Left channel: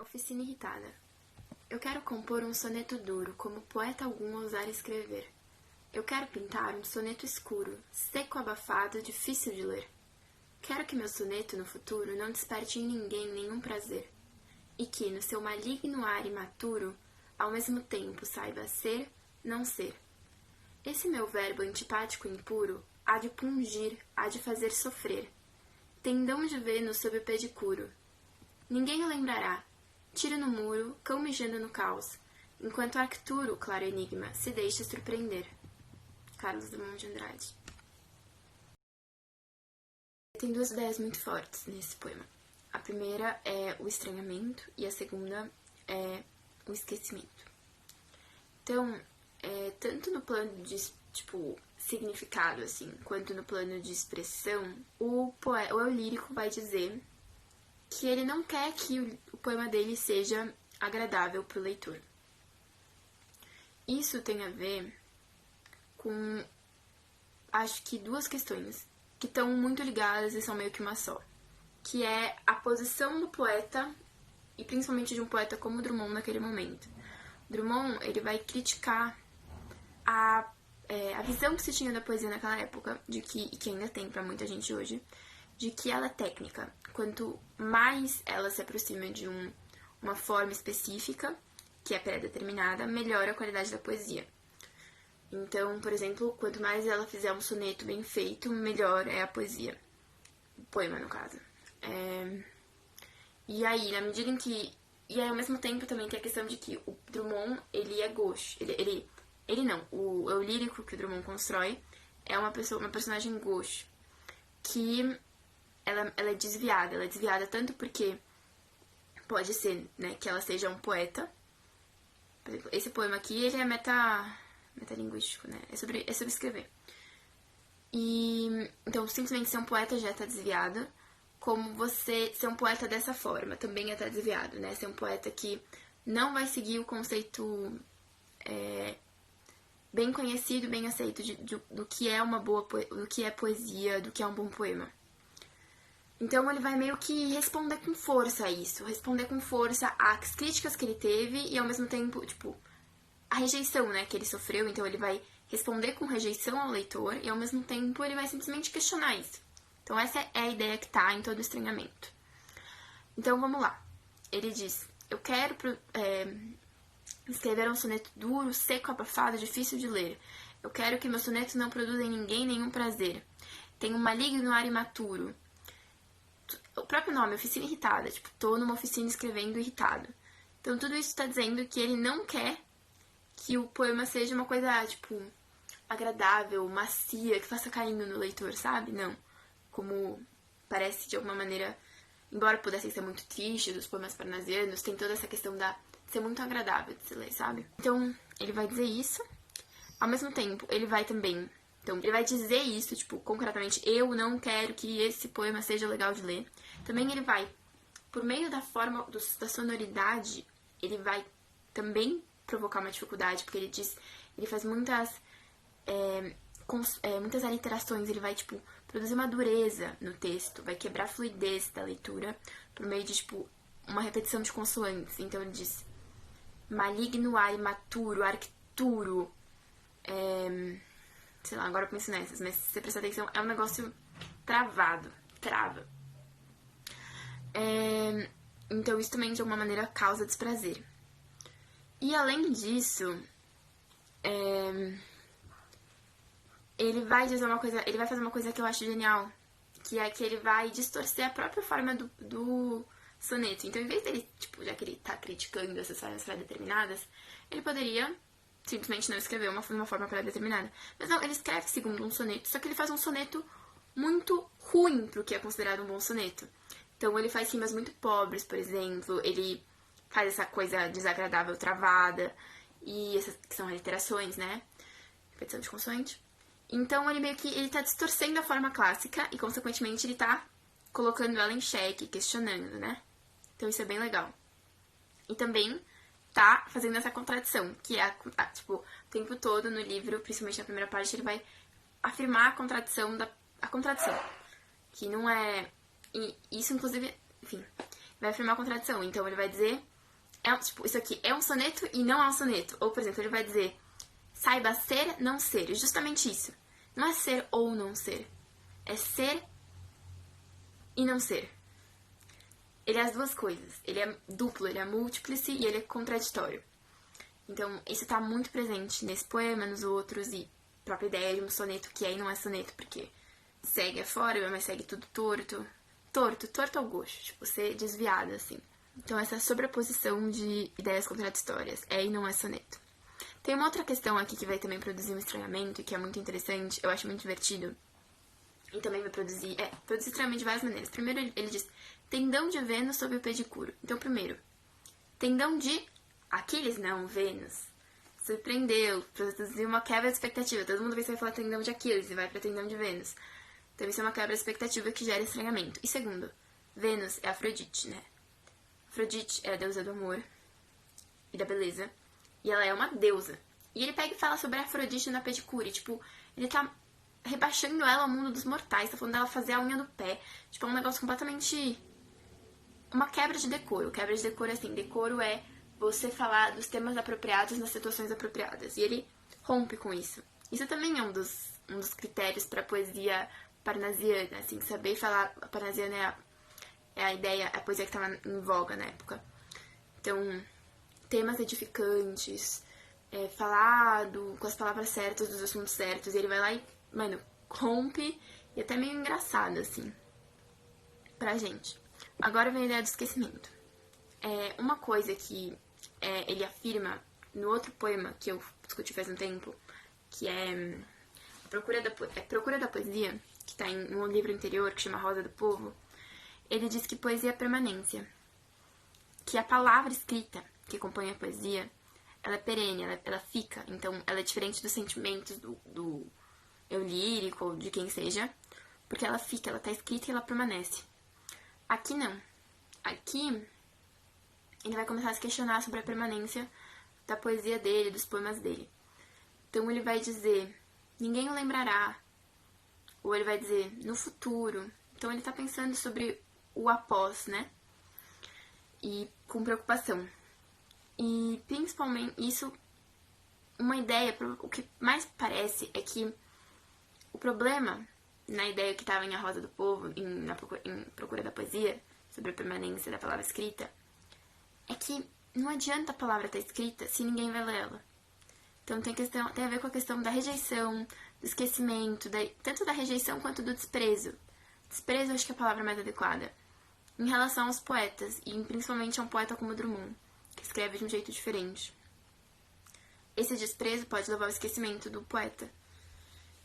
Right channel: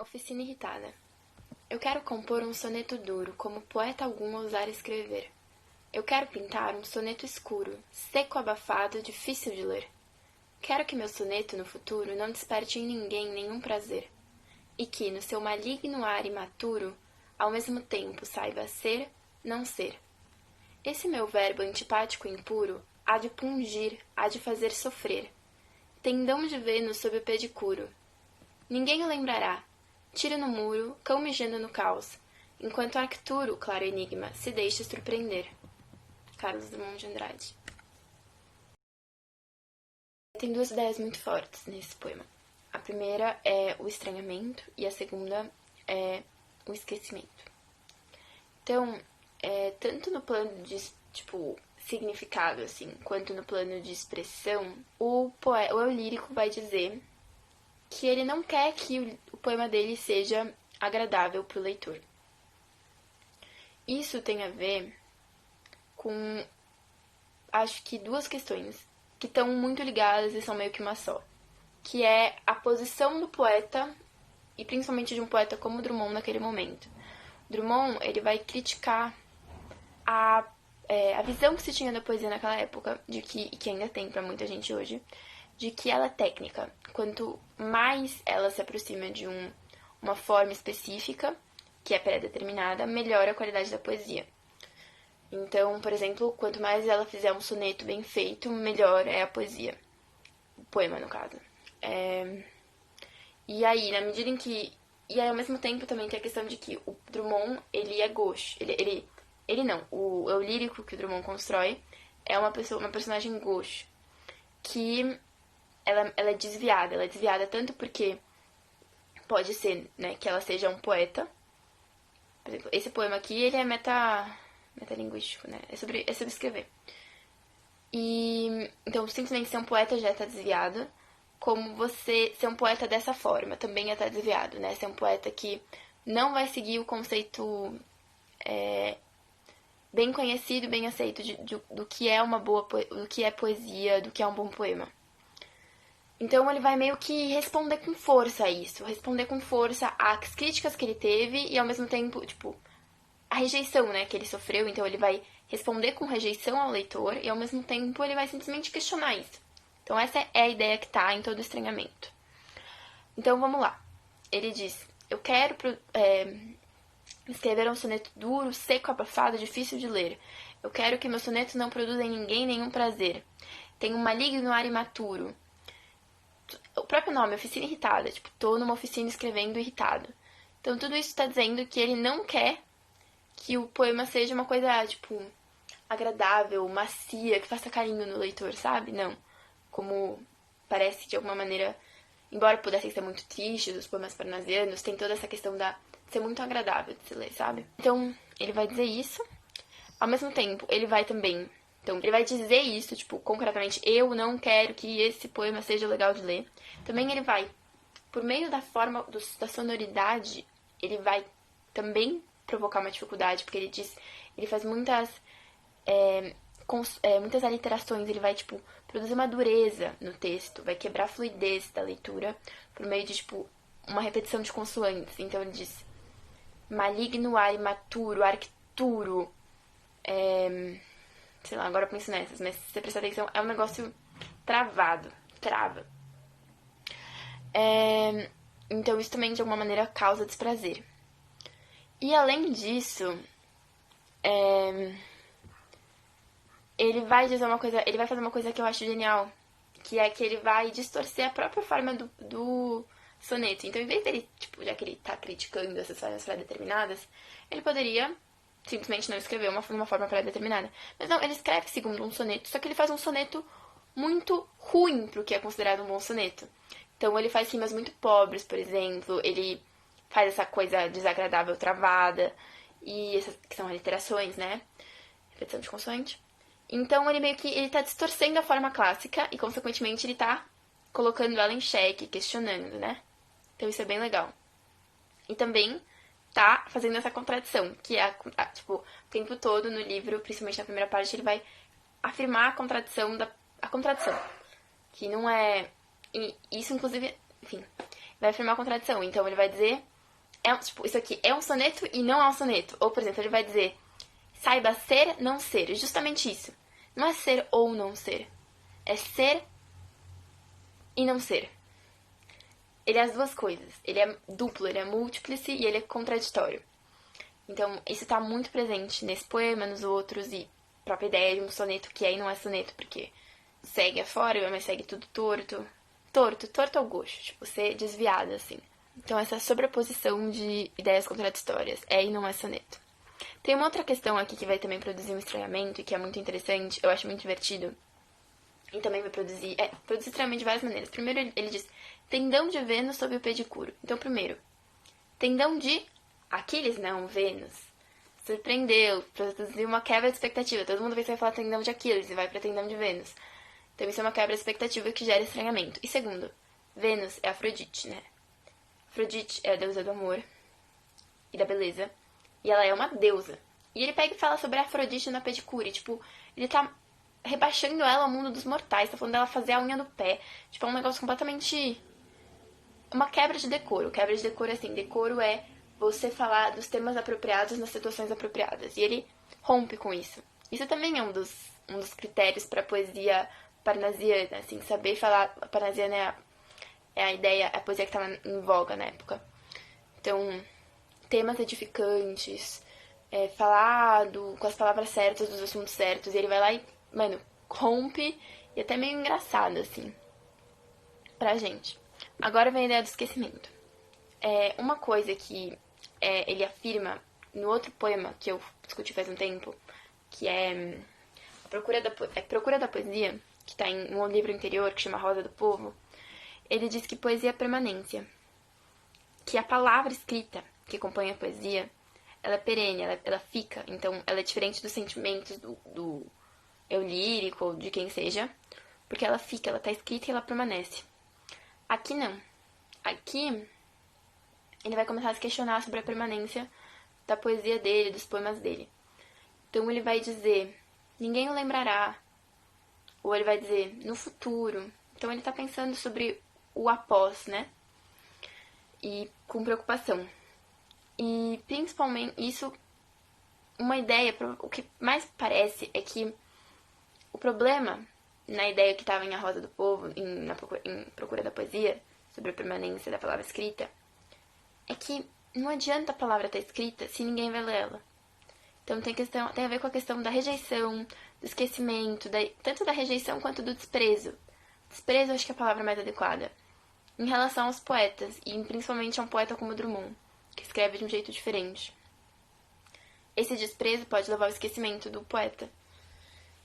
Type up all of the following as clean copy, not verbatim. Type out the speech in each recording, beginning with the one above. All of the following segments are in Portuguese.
Oficina irritada. Eu quero compor um soneto duro, como poeta algum ousar escrever. Eu quero pintar um soneto escuro, seco, abafado, difícil de ler. Quero que meu soneto, no futuro, não desperte em ninguém nenhum prazer. E que, no seu maligno ar imaturo, ao mesmo tempo saiba ser, não ser. Esse meu verbo antipático e impuro há de pungir, há de fazer sofrer. Tendão de Vênus sob o pedicuro. Ninguém o lembrará. Tira no muro, cão mijando no caos, enquanto Arcturo, claro enigma, se deixa surpreender. Carlos Drummond de Andrade. Tem duas ideias muito fortes nesse poema. A primeira é o estranhamento e a segunda é o esquecimento. Então, tanto no plano de, significado, assim, quanto no plano de expressão, o eu lírico vai dizer que ele não quer que o poema dele seja agradável para o leitor. Isso tem a ver com, acho que, duas questões que estão muito ligadas e são meio que uma só, que é a posição do poeta, e principalmente de um poeta como Drummond naquele momento. Drummond, ele vai criticar a visão que se tinha da poesia naquela época, e que ainda tem para muita gente hoje, de que ela é técnica. Quanto mais ela se aproxima de uma forma específica, que é pré-determinada, melhor a qualidade da poesia. Então, por exemplo, quanto mais ela fizer um soneto bem feito, melhor é a poesia. O poema, no caso. E aí, na medida em que... E aí, ao mesmo tempo, também tem a questão de que o Drummond, ele é gauche. Ele não. O eu lírico que o Drummond constrói é uma personagem gauche, que ela é desviada. Ela é desviada tanto porque pode ser, né, que ela seja um poeta. Por exemplo, esse poema aqui, ele é metalinguístico, né? É sobre escrever. E então, simplesmente ser um poeta já está desviado, como você ser um poeta dessa forma também já está desviado, né? Ser um poeta que não vai seguir o conceito bem conhecido, bem aceito do que é do que é poesia, do que é um bom poema. Então ele vai meio que responder com força a isso, responder com força às críticas que ele teve e ao mesmo tempo, a rejeição, né, que ele sofreu. Então ele vai responder com rejeição ao leitor e ao mesmo tempo ele vai simplesmente questionar isso. Então essa é a ideia que tá em todo o estranhamento. Então vamos lá. Ele diz: eu quero escrever um soneto duro, seco, abafado, difícil de ler. Eu quero que meu soneto não produza em ninguém nenhum prazer. Tem um maligno ar imaturo. O próprio nome, oficina irritada. Tô numa oficina escrevendo irritado. Então tudo isso tá dizendo que ele não quer que o poema seja uma coisa, agradável, macia, que faça carinho no leitor, sabe? Não. Como parece de alguma maneira, embora pudessem ser muito tristes, os poemas parnasianos, tem toda essa questão de ser muito agradável de se ler, sabe? Então, ele vai dizer isso. Ao mesmo tempo, ele vai também... Então, ele vai dizer isso, concretamente, eu não quero que esse poema seja legal de ler. Também ele vai, por meio da forma, da sonoridade, ele vai também provocar uma dificuldade, porque ele faz muitas aliterações, ele vai, produzir uma dureza no texto, vai quebrar a fluidez da leitura por meio de, uma repetição de consoantes. Então ele diz: maligno ar imaturo, arcturo, sei lá, agora eu penso nessas, mas se você prestar atenção, é um negócio travado, trava. Então isso também, de alguma maneira, causa desprazer. E além disso, ele vai fazer uma coisa que eu acho genial, que é que ele vai distorcer a própria forma do soneto. Então, em vez dele, já que ele tá criticando essas formas pré-determinadas, ele poderia simplesmente não escrever uma forma pré-determinada. Mas não, ele escreve segundo um soneto, só que ele faz um soneto muito ruim pro que é considerado um bom soneto. Então, ele faz rimas muito pobres, por exemplo, ele faz essa coisa desagradável travada, e essas que são aliterações, né? Repetição de consoante. Então, ele tá distorcendo a forma clássica e, consequentemente, ele tá colocando ela em xeque, questionando, né? Então, isso é bem legal. E também tá fazendo essa contradição, que é, o tempo todo no livro, principalmente na primeira parte, ele vai afirmar a contradição que não é... E isso, inclusive, enfim, vai afirmar a contradição. Então, ele vai dizer tipo, isso aqui é um soneto e não é um soneto. Ou, por exemplo, ele vai dizer, saiba ser, não ser. Justamente isso. Não é ser ou não ser. É ser e não ser. Ele é as duas coisas. Ele é duplo, ele é múltiplice e ele é contraditório. Então, isso tá muito presente nesse poema, nos outros, e a própria ideia de um soneto que aí não é soneto, porque segue afora, mas segue tudo torto. Torto ao gosto, tipo, ser desviado, assim. Então, essa sobreposição de ideias contraditórias é e não é soneto. Tem uma outra questão aqui que vai também produzir um estranhamento, e que é muito interessante, eu acho muito divertido, e também vai produzir estranhamento de várias maneiras. Primeiro, ele diz, tendão de Vênus sob o pedicuro. Então, primeiro, tendão de Aquiles, não, Vênus. Surpreendeu, produziu uma quebra de expectativa. Todo mundo vai falar tendão de Aquiles e vai pra tendão de Vênus. Então, isso é uma quebra de expectativa que gera estranhamento. E segundo, Vênus é Afrodite, né? Afrodite é a deusa do amor e da beleza. E ela é uma deusa. E ele pega e fala sobre a Afrodite na pedicure. Tipo, ele tá rebaixando ela ao mundo dos mortais. Tá falando dela fazer a unha do pé. Tipo, é um negócio completamente... uma quebra de decoro. Quebra de decoro é assim. Decoro é você falar dos temas apropriados nas situações apropriadas. E ele rompe com isso. Isso também é um dos critérios pra poesia parnasiana, assim. Saber falar... Parnasiana é a ideia, a poesia que tava em voga na época. Então, temas edificantes, falar com as palavras certas dos assuntos certos. E ele vai lá e, mano, rompe e até meio engraçado, assim, pra gente. Agora vem a ideia do esquecimento. Uma coisa que ele afirma no outro poema que eu discuti faz um tempo, que é Procura da Poesia, que tá em um livro interior que chama Rosa do Povo. Ele diz que poesia é permanência, que a palavra escrita que acompanha a poesia, ela é perene, ela fica, então ela é diferente dos sentimentos do eu lírico ou de quem seja, porque ela fica, ela tá escrita e ela permanece. Aqui não. Aqui ele vai começar a se questionar sobre a permanência da poesia dele, dos poemas dele. Então ele vai dizer, ninguém o lembrará, ou ele vai dizer, no futuro. Então ele tá pensando sobre o após, né? E com preocupação. E principalmente isso, uma ideia, o que mais parece é que o problema na ideia que estava em A Rosa do Povo, em Procura da Poesia, sobre a permanência da palavra escrita, é que não adianta a palavra estar escrita se ninguém vai ler ela. Então tem a ver com a questão da rejeição, do esquecimento, tanto da rejeição quanto do desprezo. Desprezo acho que é a palavra mais adequada. Em relação aos poetas, e principalmente a um poeta como Drummond, que escreve de um jeito diferente. Esse desprezo pode levar ao esquecimento do poeta.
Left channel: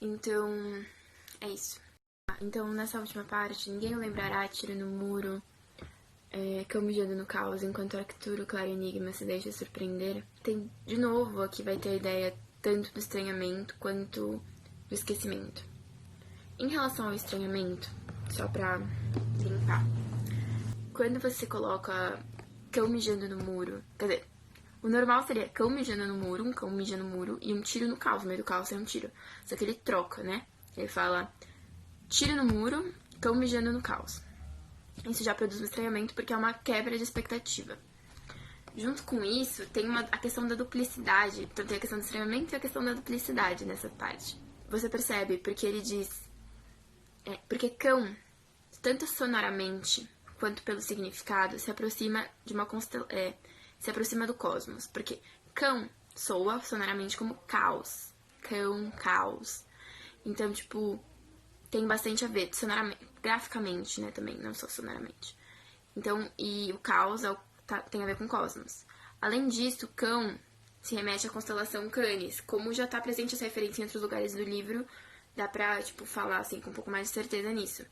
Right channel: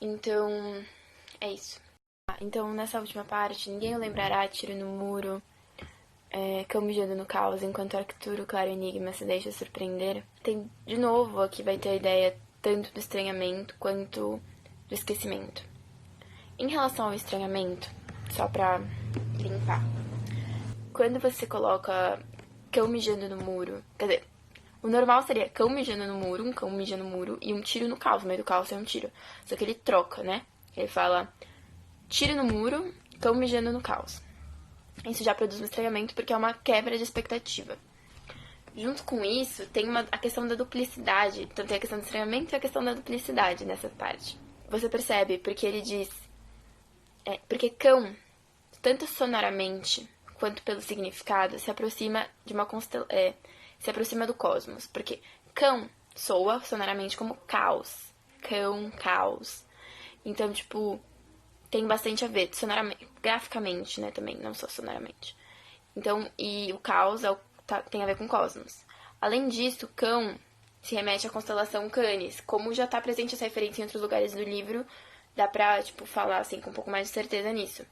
Então, é isso. Então, nessa última parte, ninguém o lembrará, tiro no muro, cão mijando no caos, enquanto Arcturo, claro enigma, se deixa surpreender. Tem, de novo, aqui vai ter a ideia tanto do estranhamento quanto do esquecimento. Em relação ao estranhamento, só pra limpar, quando você coloca cão mijando no muro, quer dizer, o normal seria cão mijando no muro, um cão mija no muro e um tiro no caos. No meio do caos é um tiro. Só que ele troca, né? Ele fala tiro no muro, cão mijando no caos. Isso já produz um estranhamento porque é uma quebra de expectativa. Junto com isso, tem a questão da duplicidade. Então tem a questão do estranhamento e a questão da duplicidade nessa parte. Você percebe porque ele diz... porque cão, tanto sonoramente quanto pelo significado, se aproxima de uma se aproxima do cosmos, porque cão soa sonoramente como caos. Cão, caos. Então, tipo, tem bastante a ver, sonoramente, graficamente, né, também, não só sonoramente. Então, e o caos tem a ver com cosmos. Além disso, cão se remete à constelação Canis. Como já tá presente essa referência em outros lugares do livro, dá pra, tipo, falar, assim, com um pouco mais de certeza nisso.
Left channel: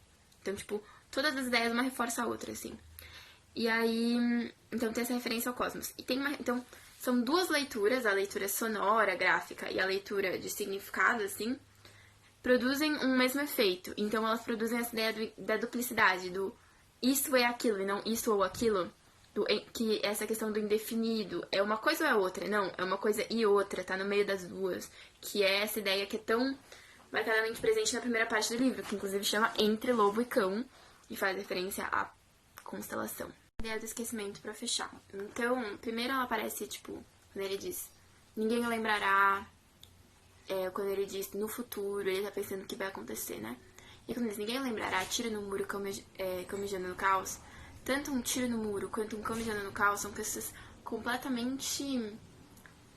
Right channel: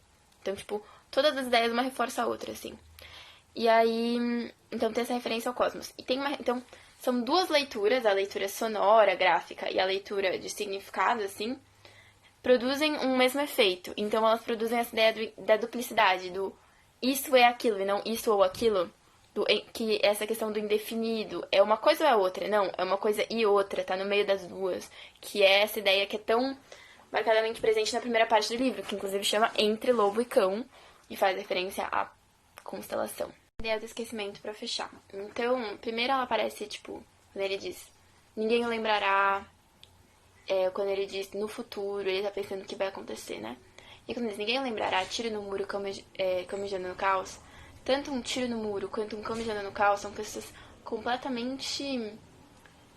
Então, tipo, todas as ideias uma reforça a outra, assim. E aí, então tem essa referência ao cosmos. E então, são duas leituras, a leitura sonora, gráfica, e a leitura de significado, assim, produzem um mesmo efeito. Então, elas produzem essa ideia da duplicidade, do isto é aquilo e não isto ou aquilo, que essa questão do indefinido, é uma coisa ou é outra? Não, é uma coisa e outra, tá no meio das duas, que é essa ideia que é tão marcadamente presente na primeira parte do livro, que inclusive chama Entre Lobo e Cão, e faz referência à constelação. Ideia do esquecimento pra fechar. Então, primeiro ela aparece, tipo, quando ele diz ninguém o lembrará, quando ele diz no futuro, ele tá pensando o que vai acontecer, né? E quando diz ninguém o lembrará, tiro no muro, camejando no caos, tanto um tiro no muro quanto um camejando no caos são coisas completamente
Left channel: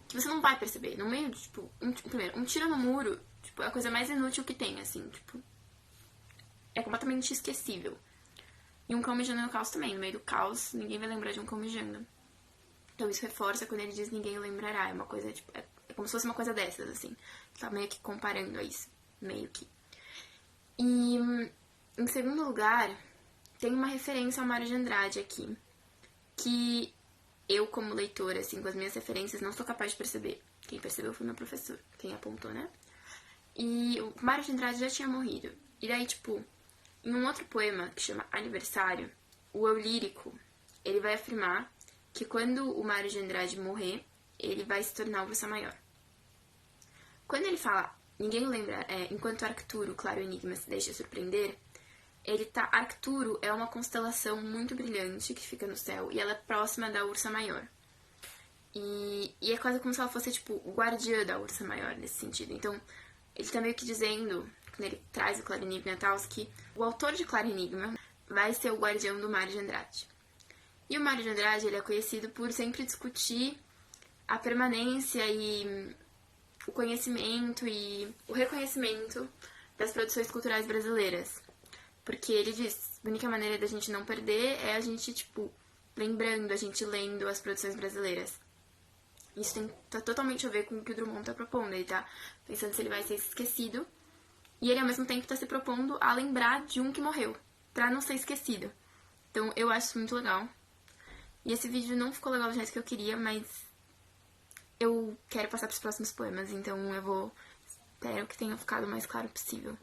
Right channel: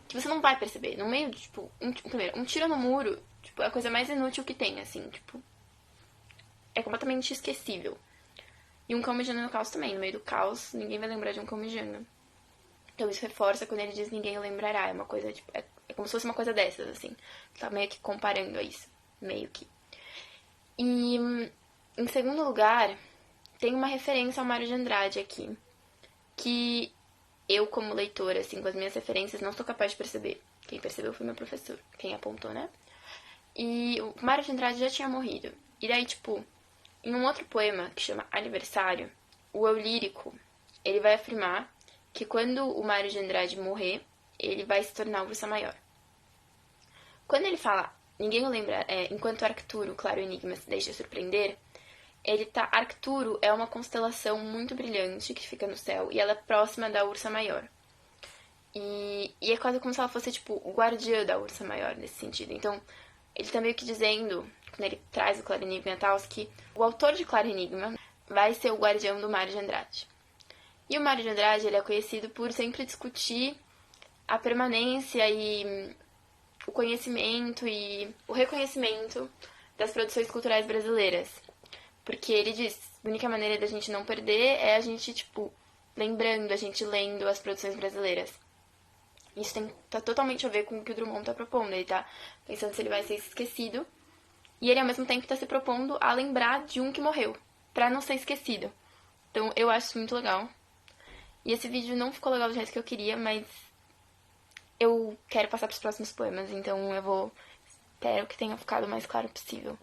que você não vai perceber. No meio de, tipo, primeiro, um tiro no muro, tipo, é a coisa mais inútil que tem, assim, tipo, é completamente esquecível. E um cão mijando no caos também. No meio do caos, ninguém vai lembrar de um cão mijando. Então isso reforça quando ele diz ninguém o lembrará. É uma coisa, tipo, é como se fosse uma coisa dessas, assim. Tá meio que comparando a isso. Meio que. E, em segundo lugar, tem uma referência ao Mário de Andrade aqui. Que eu, como leitora, assim, com as minhas referências, não sou capaz de perceber. Quem percebeu foi meu professor. Quem apontou, né? E o Mário de Andrade já tinha morrido. E daí, tipo, em um outro poema, que chama Aniversário, o eu lírico, ele vai afirmar que quando o Mário de Andrade morrer, ele vai se tornar o Ursa Maior. Quando ele fala, ninguém o lembra, enquanto Arcturo, claro enigma, se deixa surpreender, ele tá... Arcturo é uma constelação muito brilhante que fica no céu, e ela é próxima da Ursa Maior. E é quase como se ela fosse, tipo, guardiã da Ursa Maior, nesse sentido. Então, ele tá meio que dizendo, quando ele traz o Claro Enigma e tal, que o autor de Claro Enigma vai ser o guardião do Mário de Andrade. E o Mário de Andrade, ele é conhecido por sempre discutir a permanência e o conhecimento e o reconhecimento das produções culturais brasileiras. Porque ele diz, a única maneira da gente não perder é a gente, tipo, lembrando, a gente lendo as produções brasileiras. Isso tá totalmente a ver com o que o Drummond tá propondo. Ele tá pensando se ele vai ser esquecido. E ele, ao mesmo tempo, tá se propondo a lembrar de um que morreu, pra não ser esquecido. Então, eu acho isso muito legal. E esse vídeo não ficou legal do jeito que eu queria, mas eu quero passar pros próximos poemas, então eu vou... Espero que tenha ficado o mais claro possível.